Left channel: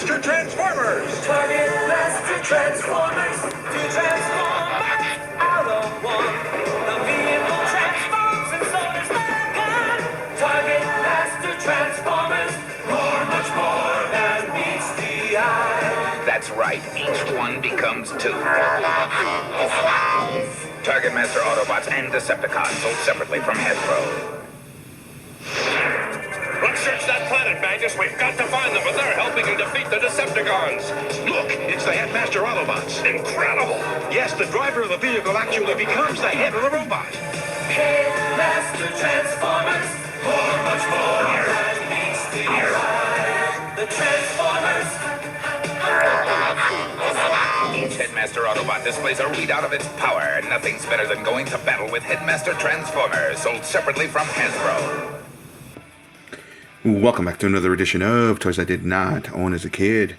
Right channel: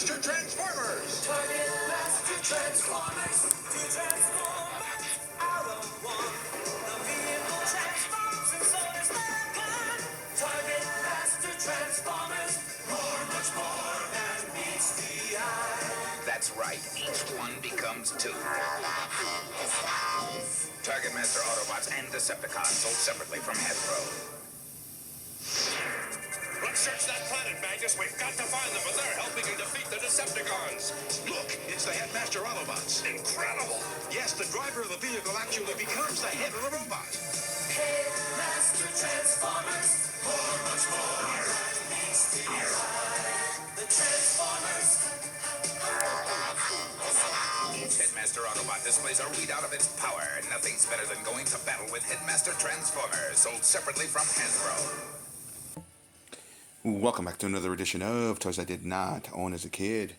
Targetmaster Transformers. Targetmaster Transformers. Two Transformers out of one. The vehicle transforms and so does the gun. Targetmaster Transformers. More, much more than meets the eye. That's right. Each one becomes two. Targetmaster Autobots and Decepticons sold separately from Hasbro. Let's search that planet, Magnus. We've got to find them, but they're helping to defeat the Decepticons. Look, it's the Headmaster Autobots. Incredible. Yes, the driver of the vehicle actually becomes the head of the robot. Headmaster Transformers. More, much more than meets the eye. The Transformers. Each Headmaster Autobot displays a readout of its power. Nothing's better than going to battle with Headmaster Transformers, sold separately from Hasbro. Welcome back to another edition of Toys I Did Not Own as a Kid.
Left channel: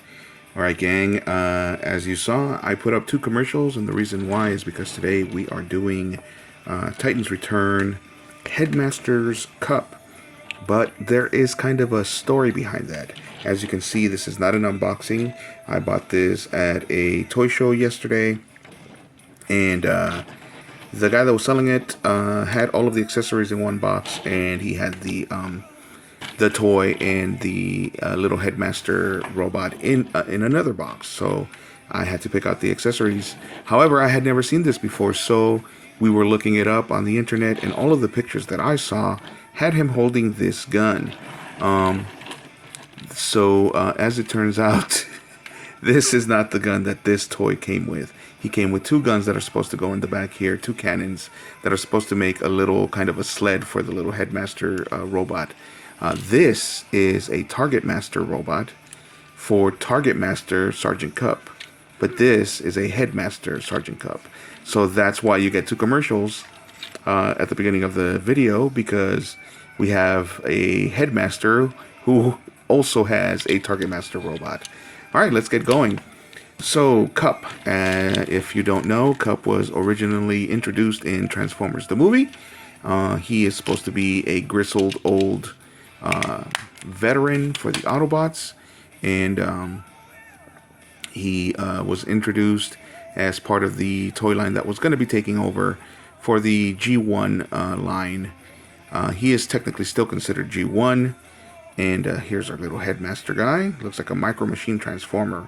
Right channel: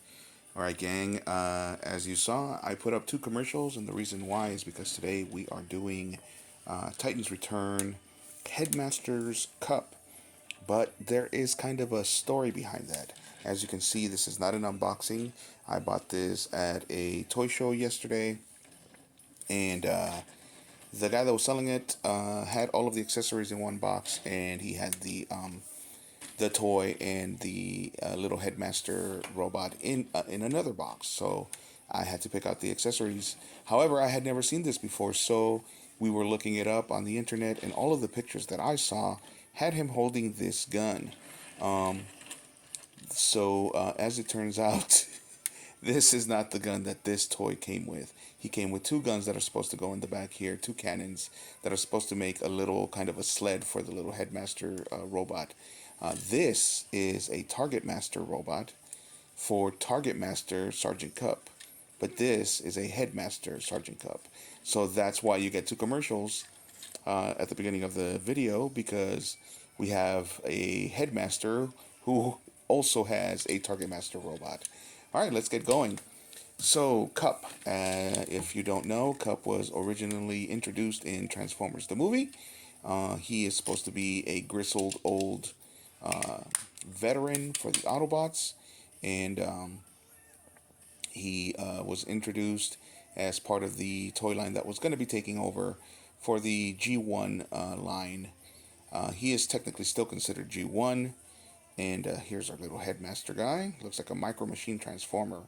Alright gang, as you saw, I put up 2 commercials, and the reason why is because today we are doing Titans Return Headmaster's Cup. But there is kind of a story behind that. As you can see, this is not an unboxing. I bought this at a toy show yesterday, and the guy that was selling it had all of the accessories in one box, and he had the toy and the little Headmaster robot in another box. So I had to pick out the accessories. However, I had never seen this before, so we were looking it up on the internet, and all of the pictures that I saw had him holding this gun. As it turns out, this is not the gun that this toy came with. He came with 2 guns that are supposed to go in the back here, 2 cannons that are supposed to make a little kind of a sled for the little Headmaster robot. This is a Targetmaster robot for Targetmaster Sergeant Cup, but this is a Headmaster Sergeant Cup. So that's why you get 2 commercials at the beginning of the video, because we have a Headmaster who also has a Targetmaster robot. Alright, let's get going. So, Cup, if you don't know, Cup was originally introduced in Transformers the movie. He is supposed to be a grizzled old veteran for the Autobots, and he was introduced as part of the toy line that was going to be taking over for the G1 line. He is technically still considered G1, and here's our little Headmaster guy. Looks like a Micro Machine Transformer.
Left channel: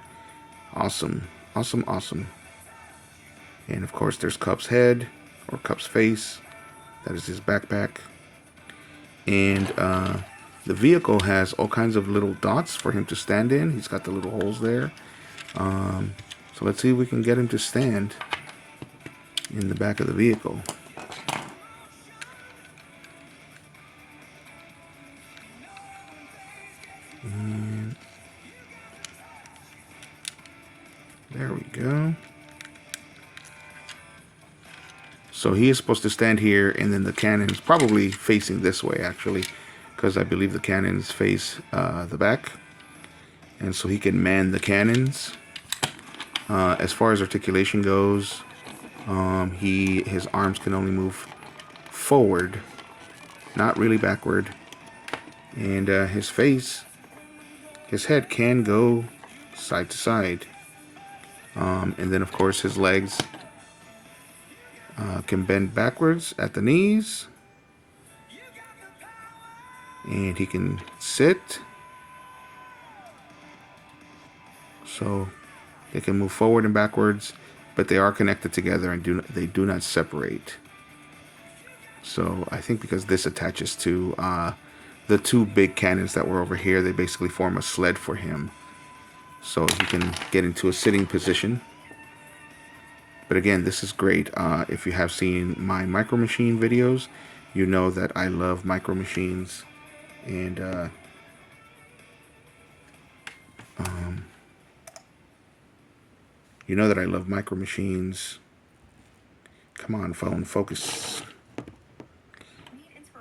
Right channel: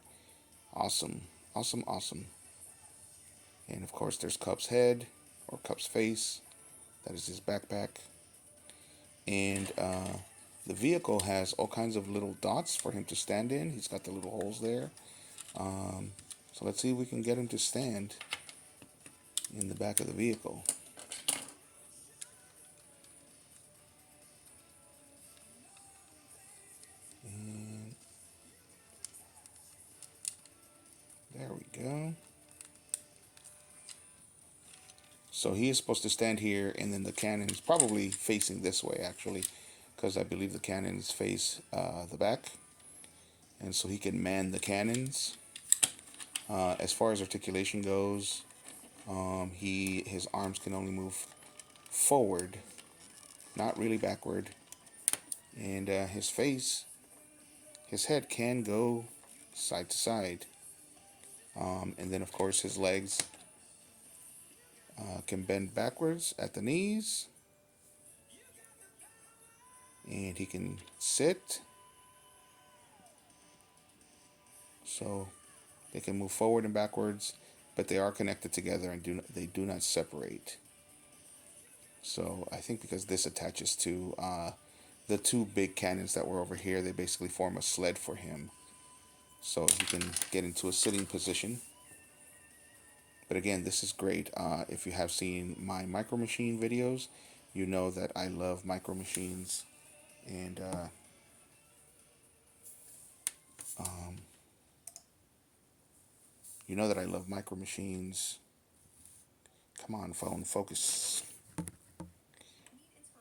Awesome, awesome, awesome. And of course there's Cup's head, or Cup's face. That is his backpack. And the vehicle has all kinds of little dots for him to stand in. He's got the little holes there. So let's see if we can get him to stand in the back of the vehicle. And there we go. So he is supposed to stand here, and then the cannon's probably facing this way, actually, because I believe the cannons face the back, and so he can man the cannons. As far as articulation goes, his arms can only move forward, not really backward, and his head can go side to side, and then of course his legs can bend backwards at the knees, and he can sit, so they can move forward and backwards, but they are connected together and they do not separate. So I think because this attaches to the 2 big cannons that were over here, they basically form a sled for him, so he can get into a sitting position. But again, this is great. If you have seen my Micro Machine videos, you know that I love Micro Machines, and you know that I love Micro Machines. Come on, phone, focus.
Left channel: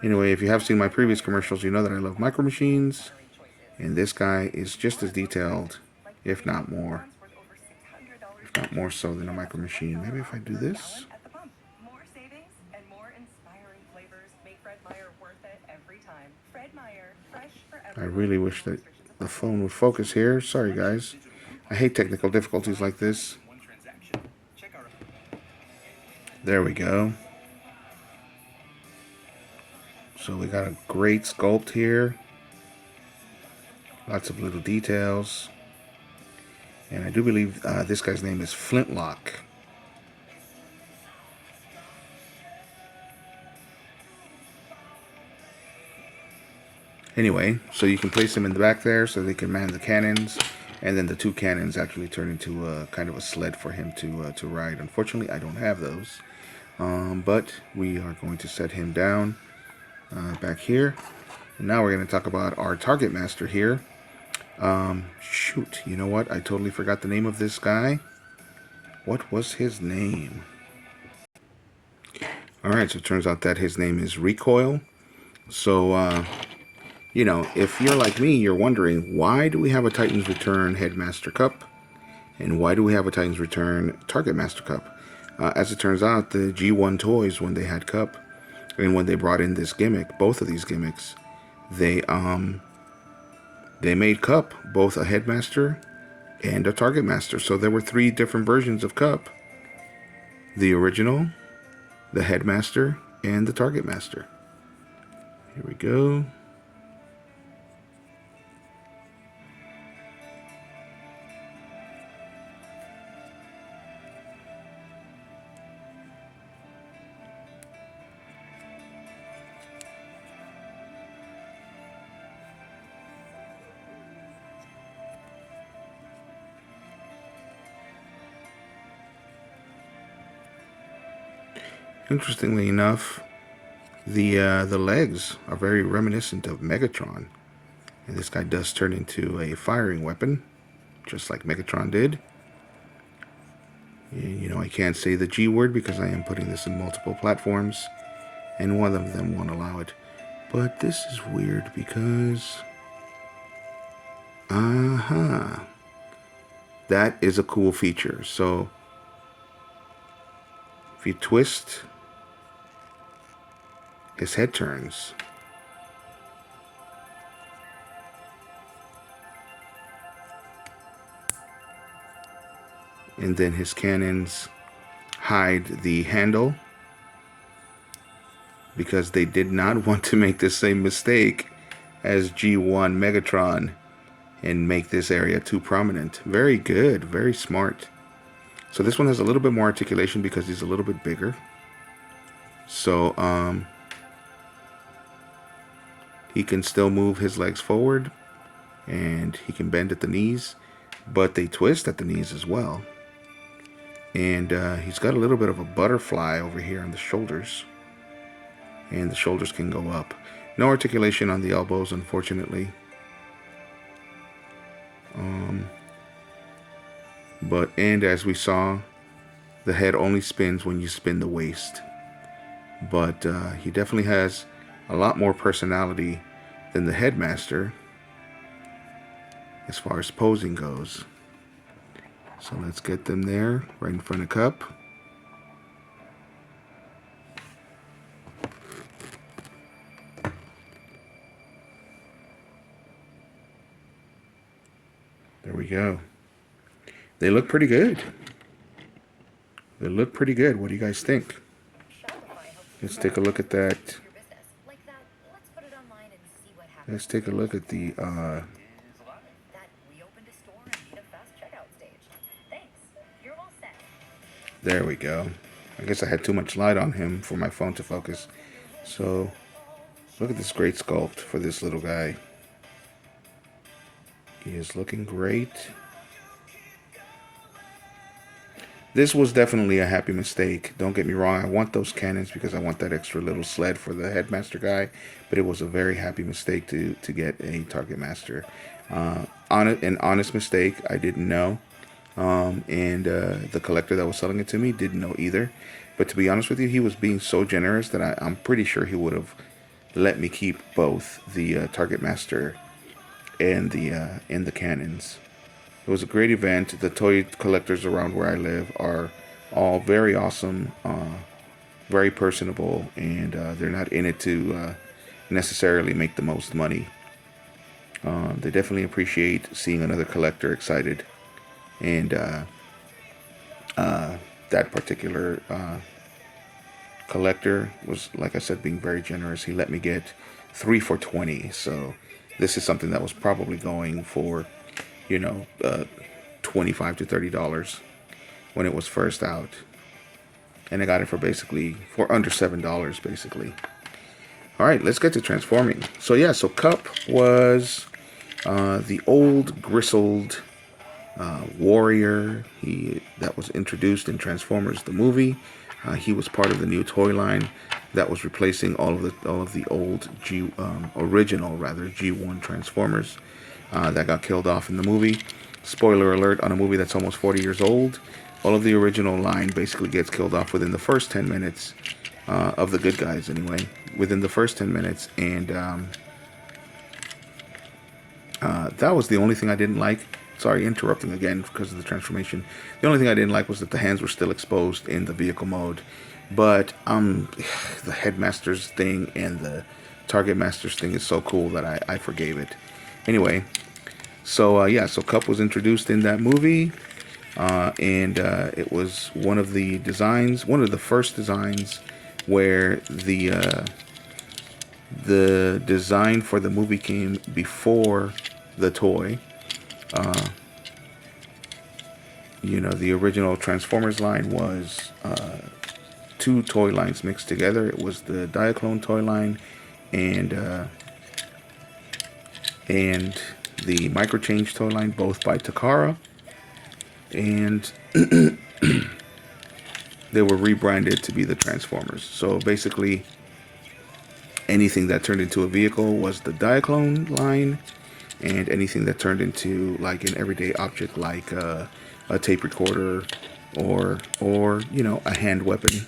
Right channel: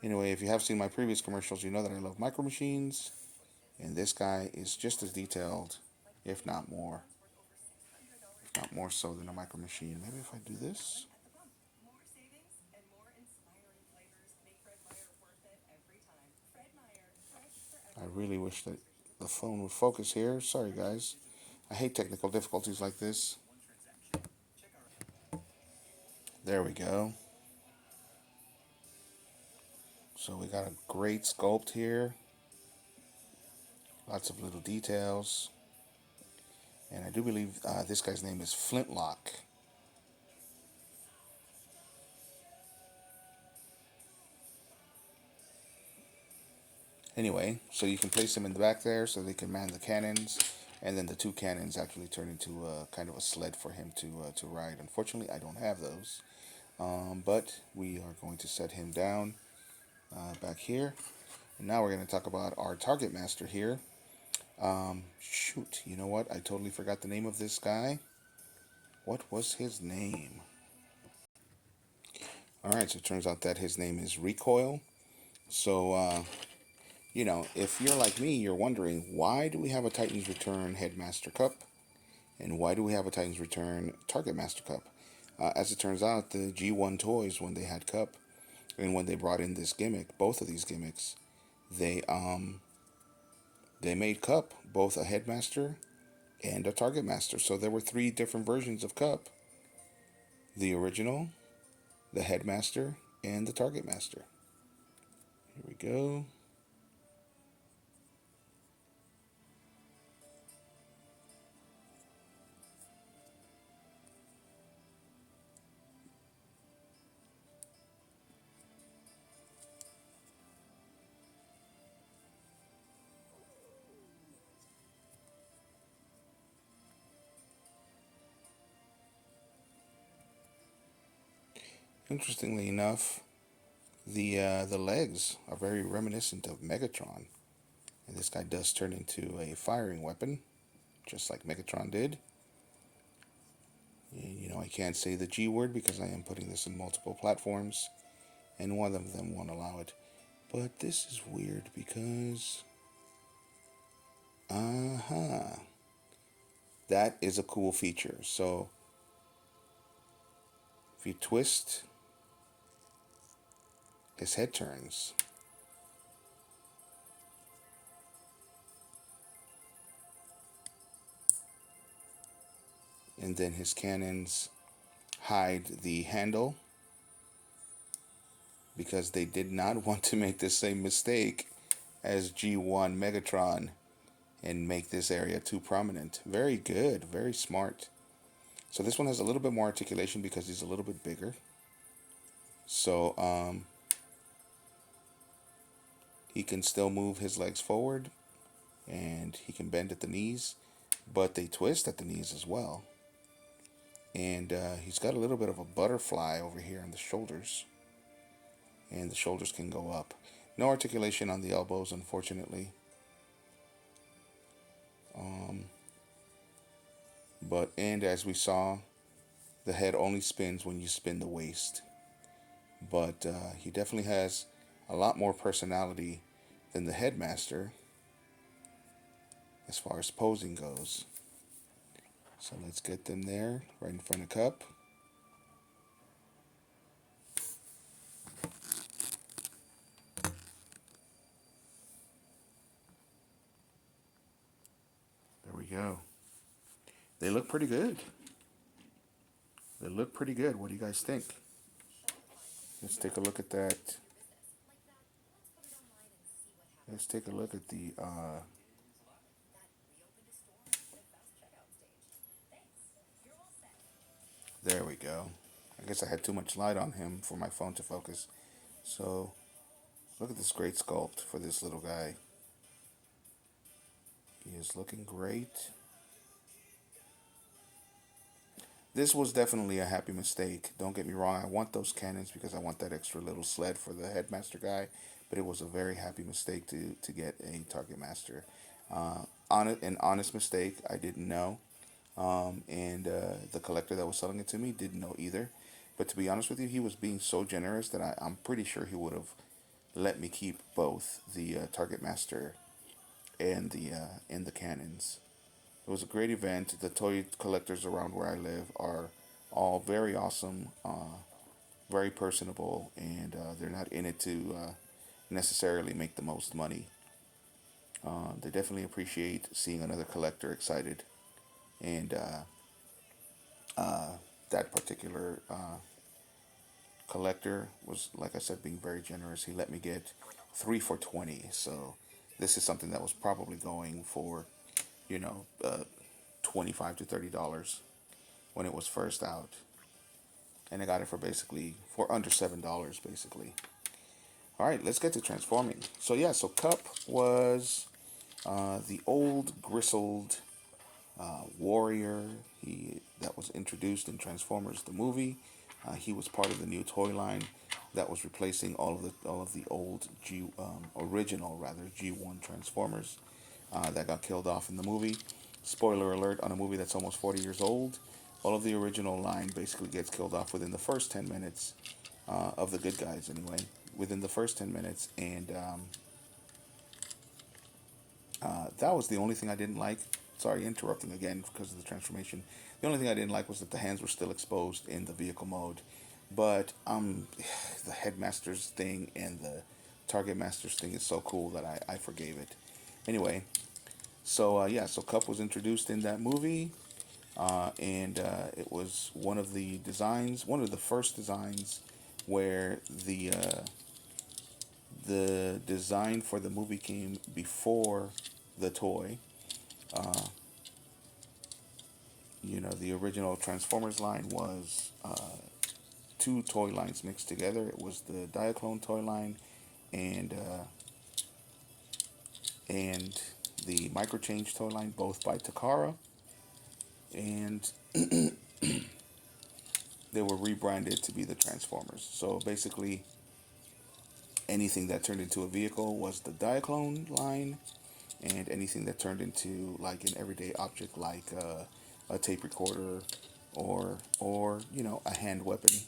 Anyway, if you have seen my previous commercials, you know that I love Micro Machines, and this guy is just as detailed, if not more. If not more so than a Micro Machine. Maybe if I do this. I really wish that the phone would focus here. Sorry, guys. I hate technical difficulties like this. There we go. So we got a great sculpt here. Lots of little details. And I do believe this guy's name is Flintlock. Anyway, so you can place them in the back there so they can man the cannons, and then the two cannons actually turn into a kind of a sled for him to ride. Unfortunately, I don't have those, but we are going to set him down back here. And now we're going to talk about our Targetmaster here. Shoot, you know what? I totally forgot the name of this guy. What was his name? Alright, so it turns out that his name is Recoil. So, you know, if you're like me, you're wondering, why do we have a Titans Return Headmaster Cup? And why do we have a Titans Return Targetmaster Cup? As it turns out, the G1 toys, when they had Cup, and when they brought in this gimmick, both of these gimmicks, they made Cup both a Headmaster and a Targetmaster. So there were 3 different versions of Cup. The original, the Headmaster, and the Targetmaster. Here we go. Interestingly enough, the legs are very reminiscent of Megatron. And this guy does turn into a firing weapon, just like Megatron did. And, you know, I can't say the G word because I am putting this in multiple platforms, and one of them won't allow it. But this is weird because... that is a cool feature. So, if you twist, his head turns. And then his cannons hide the handle because they did not want to make the same mistake as G1 Megatron and make this area too prominent. Very good, very smart. So this one has a little bit more articulation because he's a little bit bigger. So he can still move his legs forward and he can bend at the knees, but they twist at the knees as well. And he's got a little bit of a butterfly over here on the shoulders. And the shoulders can go up. No articulation on the elbows, unfortunately. And as we saw, the head only spins when you spin the waist. But he definitely has a lot more personality than the Headmaster as far as posing goes. So let's get them there, right in front of Cup. There we go. They look pretty good. They look pretty good. What do you guys think? Let's take a look at that. Let's take a look at the there we go. I guess I had too much light on him for my phone to focus. So, look at this great sculpt for this little guy. He is looking great. This was definitely a happy mistake. Don't get me wrong. I want those cannons because I want that extra little sled for the Headmaster guy. But it was a very happy mistake to get a Targetmaster. An honest mistake. I didn't know. And the collector that was selling it to me didn't know either. But to be honest with you, he was being so generous that I'm pretty sure he would have let me keep both the Targetmaster and the cannons. It was a great event. The toy collectors around where I live are all very awesome, very personable, and they're not in it to necessarily make the most money. They definitely appreciate seeing another collector excited, and that particular collector was, like I said, being very generous. He let me get 3 for 20. So this is something that was probably going for, you know, $25 to $30 when it was first out, and I got it for basically for under $7 basically. All right, let's get to transforming. So yeah, so Cup was the old grizzled warrior. That was introduced in Transformers the movie. He was part of the new toy line that was replacing all of the old original G1 Transformers that got killed off in the movie. Spoiler alert on a movie that's almost 40 years old. All of the original line basically gets killed off within the first 10 minutes of the good guys, anyway. Within the first 10 minutes, and that was the only thing I didn't like. Sorry, interrupting again because of the transformation. The only thing I didn't like was that the hands were still exposed in the vehicle mode. But the Headmaster's thing and the Targetmaster's thing is so cool that I forgave it. Anyway, so yeah, so Cup was introduced in that movie, and it was one of the designs, one of the first designs where the design for the movie came before the toy. You know, the original Transformers line was two toy lines mixed together. It was the Diaclone toy line and the Microchange toy line, both by Takara. And they were rebranded to be the Transformers. So basically, anything that turned into a vehicle was the Diaclone line, and anything that turned into like an everyday object like a tape recorder or you know, a hand weapon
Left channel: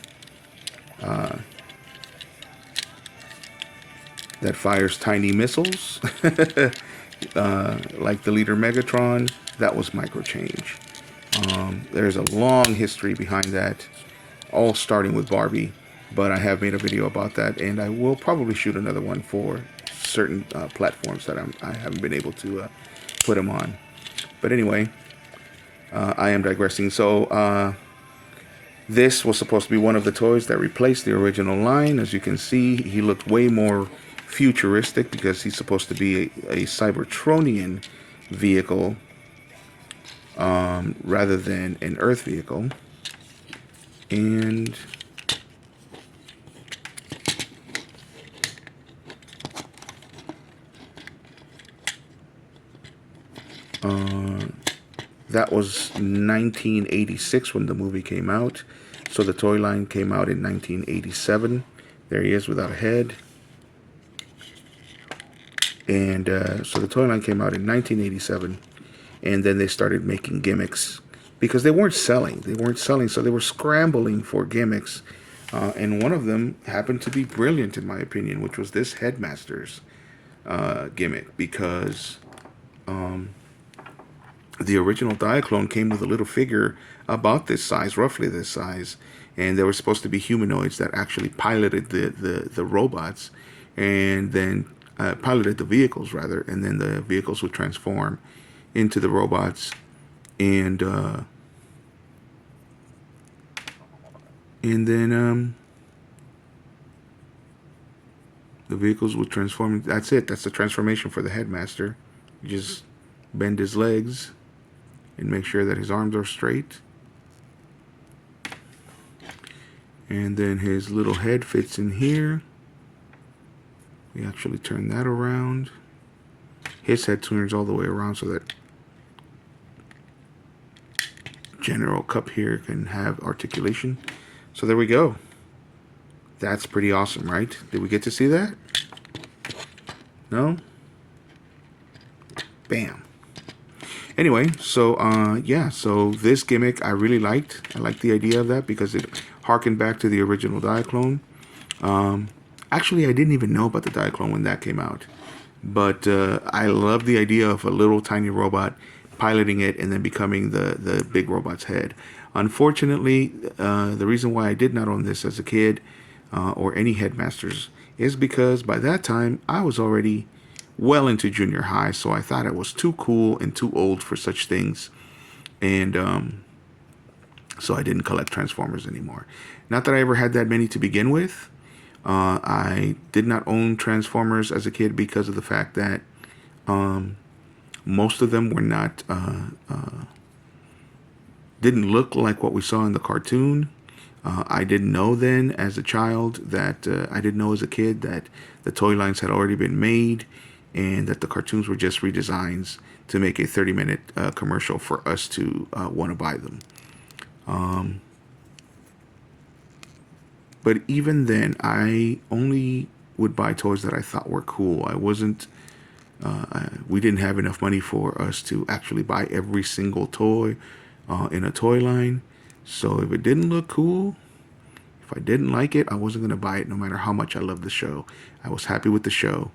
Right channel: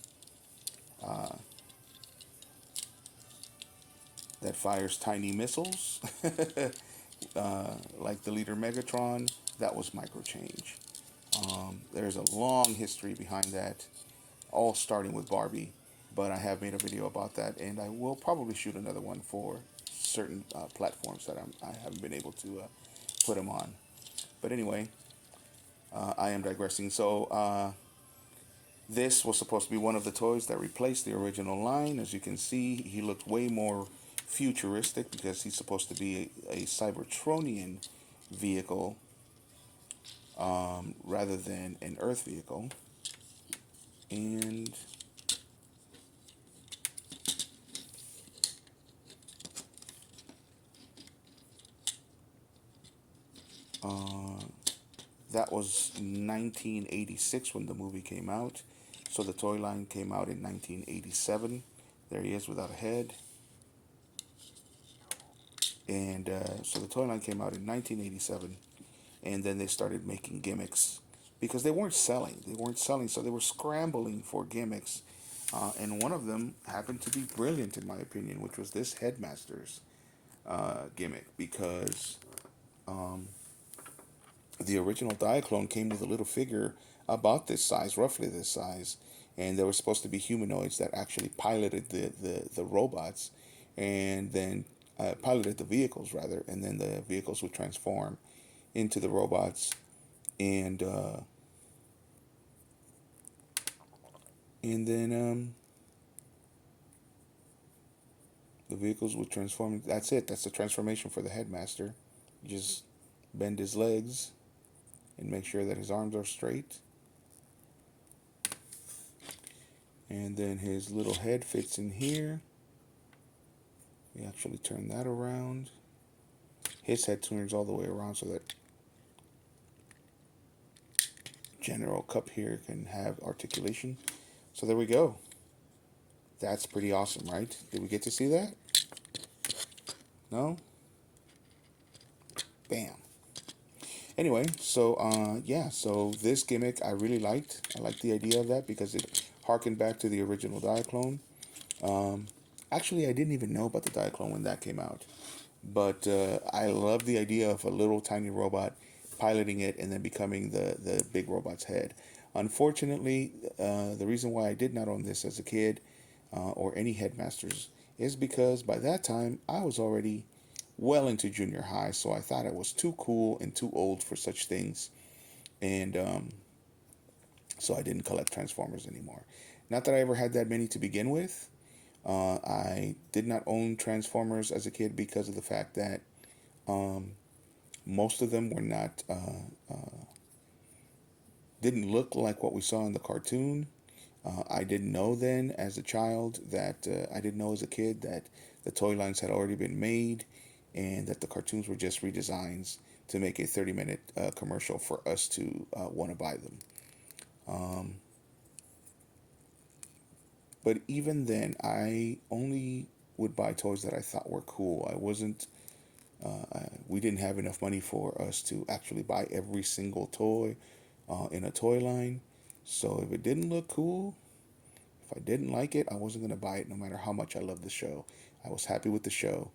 that fires tiny missiles like the leader Megatron, that was Microchange. There's a long history behind that, all starting with Barbie, but I have made a video about that, and I will probably shoot another one for certain platforms that I haven't been able to put them on. But anyway, I am digressing. So this was supposed to be one of the toys that replaced the original line. As you can see, he looked way more futuristic because he's supposed to be a Cybertronian vehicle rather than an Earth vehicle. And that was 1986 when the movie came out. So the toy line came out in 1987. There he is without a head. And so the toy line came out in 1987. And then they started making gimmicks because they weren't selling. So they were scrambling for gimmicks. And one of them happened to be brilliant, in my opinion, which was this Headmaster's gimmick. Because the original Diaclone came with a little figure about this size, roughly this size, and they were supposed to be humanoids that actually piloted the robots, and then piloted the vehicles rather, and then the vehicles would transform into the robots, and then the vehicles would transform. That's it. That's the transformation for the Headmaster. You just bend his legs and make sure that his arms are straight. And then his little head fits in here. We actually turn that around. His head turns all the way around so that General Cup here can have articulation. So there we go. That's pretty awesome, right? Did we get to see that? No? Bam. Anyway, so yeah, so this gimmick I really liked. I liked the idea of that because it harkened back to the original Diaclone. Actually, I didn't even know about the Diaclone when that came out. But I love the idea of a little tiny robot piloting it and then becoming the big robot's head. Unfortunately, the reason why I did not own this as a kid or any Headmasters is because by that time I was already well into junior high, so I thought it was too cool and too old for such things, and so I didn't collect Transformers anymore. Not that I ever had that many to begin with. I did not own Transformers as a kid because of the fact that most of them were not didn't look like what we saw in the cartoon. I didn't know then as a child that I didn't know as a kid that the toy lines had already been made and that the cartoons were just redesigns to make a 30-minute commercial for us to want to buy them. But even then, I only would buy toys that I thought were cool. I wasn't, we didn't have enough money for us to actually buy every single toy in a toy line. So if it didn't look cool, if I didn't like it, I wasn't going to buy it no matter how much I loved the show. I was happy with the show.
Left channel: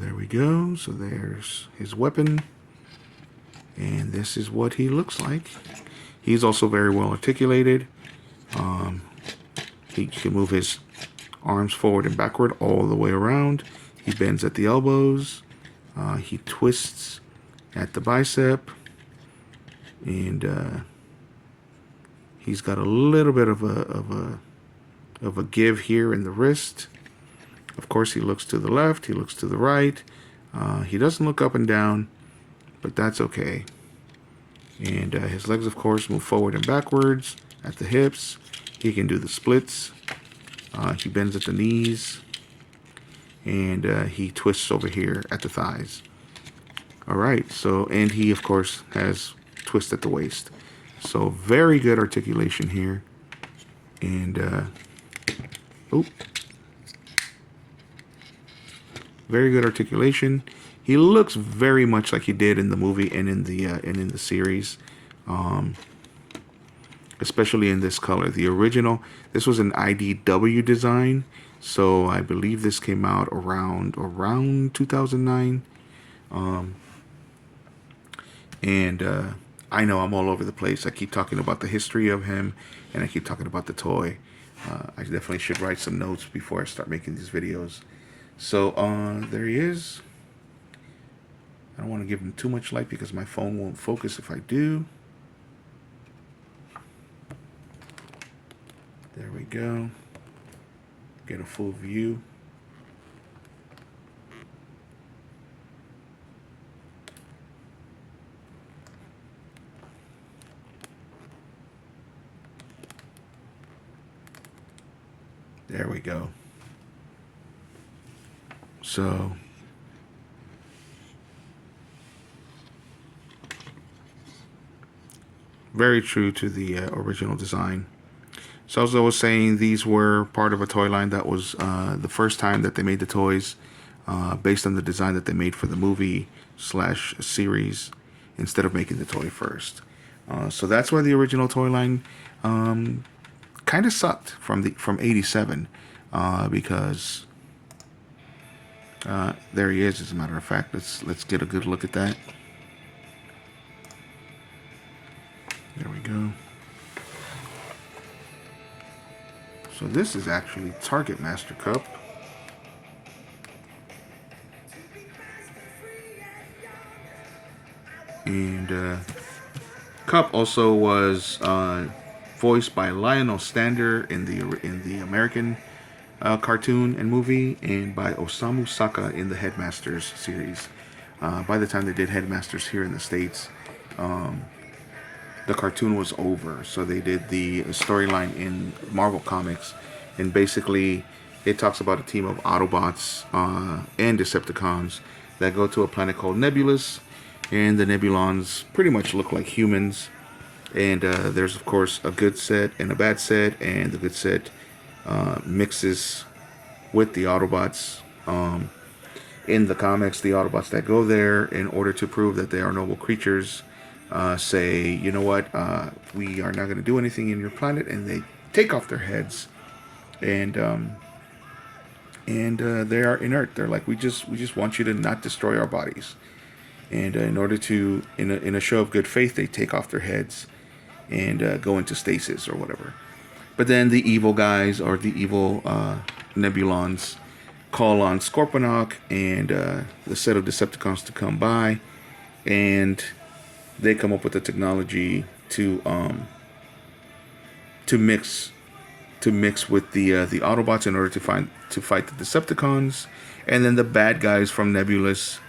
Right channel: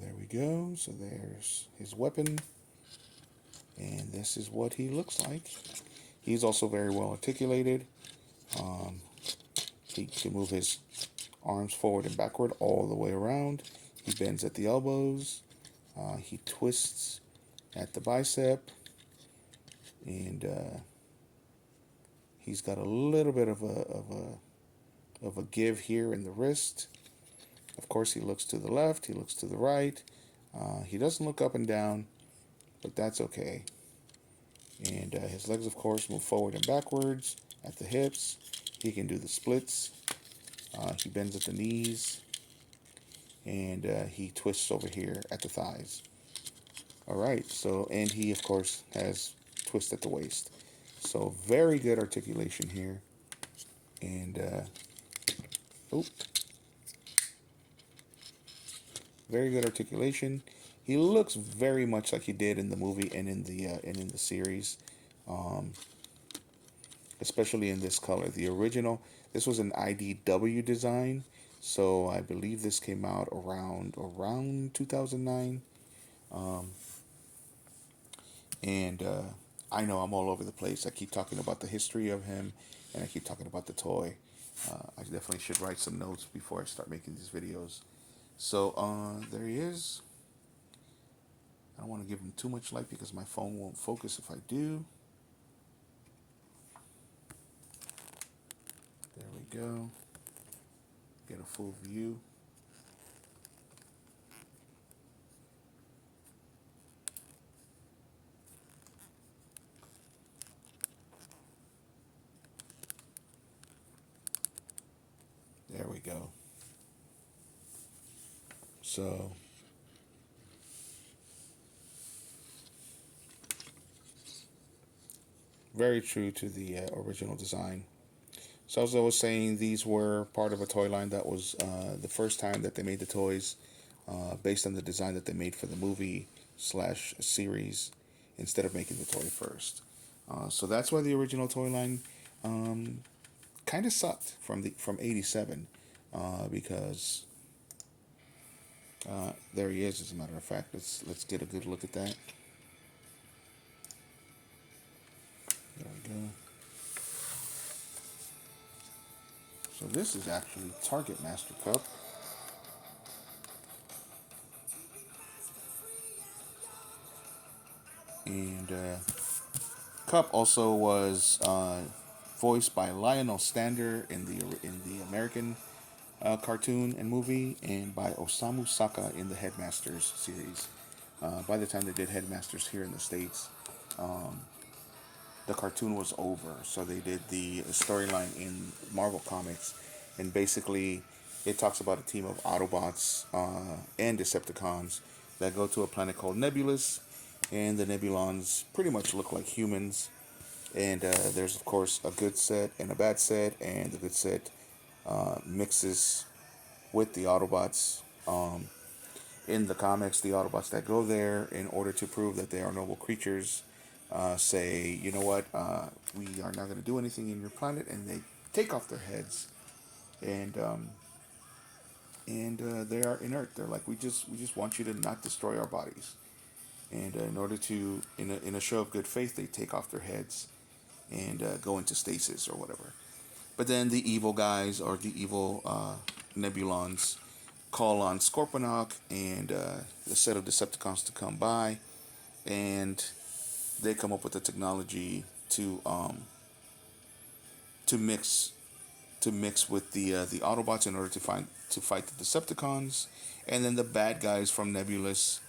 There we go. So there's his weapon. And this is what he looks like. He's also very well articulated. He can move his arms forward and backward all the way around. He bends at the elbows. He twists at the bicep. And he's got a little bit of a give here in the wrist. Of course, he looks to the left. He looks to the right. He doesn't look up and down, but that's okay. And his legs, of course, move forward and backwards at the hips. He can do the splits. He bends at the knees. And he twists over here at the thighs. All right. So, and he, of course, has twist at the waist. So very good articulation here. And, very good articulation. He looks very much like he did in the movie and in the series, especially in this color. The original, this was an IDW design, so I believe this came out around 2009. And I know I'm all over the place. I keep talking about the history of him, and I keep talking about the toy. I definitely should write some notes before I start making these videos. So there he is. I don't want to give him too much light because my phone won't focus if I do. There we go. Get a full view. There we go. So very true to the original design. So as I was saying, these were part of a toy line that was the first time that they made the toys based on the design that they made for the movie / series instead of making the toy first. So that's why the original toy line kind of sucked from '87 because there he is. As a matter of fact, let's get a good look at that. There we go. So this is actually Targetmaster Cup. And Cup also was voiced by Lionel Stander in the American cartoon and movie, and by Osamu Saka in the Headmasters series. By the time they did Headmasters here in the States, the cartoon was over, so they did the storyline in Marvel Comics, and basically it talks about a team of Autobots and Decepticons that go to a planet called Nebulous, and the Nebulons pretty much look like humans, and there's of course a good set and a bad set, and the good set mixes with the Autobots. In the comics, the Autobots that go there in order to prove that they are noble creatures say, you know what, we are not going to do anything in your planet, and they take off their heads, and they are inert. They're like, we just want you to not destroy our bodies, and in order to, in a show of good faith, they take off their heads and go into stasis or whatever. But then the evil guys, or the evil Nebulons, call on Scorponok and the set of Decepticons to come by, and they come up with the technology to mix with the Autobots in order to fight the Decepticons, and then the bad guys from Nebulous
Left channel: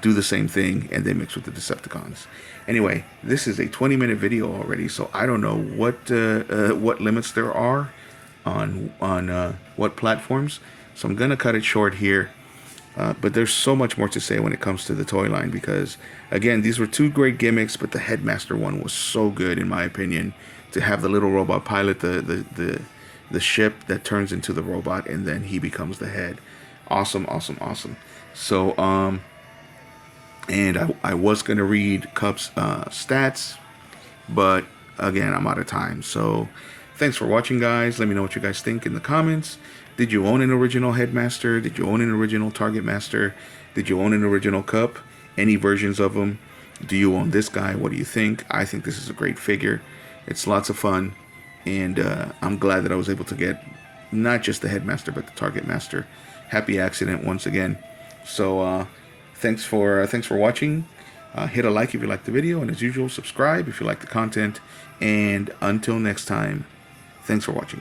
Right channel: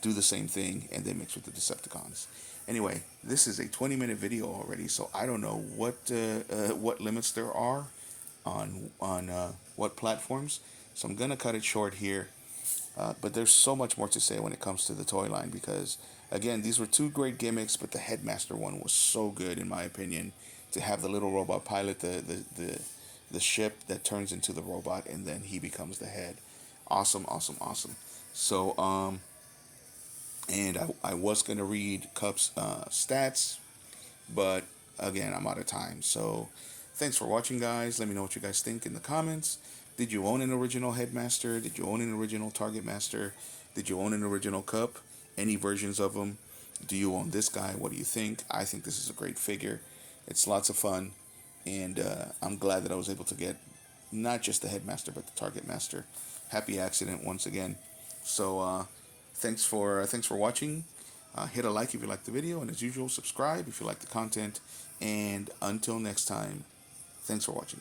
do the same thing, and they mix with the Decepticons. Anyway, this is a 20-minute video already, so I don't know what limits there are on what platforms. So I'm gonna cut it short here. But there's so much more to say when it comes to the toy line, because again, these were two great gimmicks, but the Headmaster one was so good in my opinion, to have the little robot pilot the ship that turns into the robot, and then he becomes the head. Awesome. So and I was gonna read Cup's stats, but again, I'm out of time. So thanks for watching, guys. Let me know what you guys think in the comments. Did you own an original Headmaster? Did you own an original Targetmaster? Did you own an original Cup? Any versions of them? Do you own this guy? What do you think? I think this is a great figure. It's lots of fun, and I'm glad that I was able to get not just the Headmaster but the Targetmaster. Happy accident once again. So thanks for watching. Hit a like if you liked the video, and as usual, subscribe if you like the content. And until next time, thanks for watching.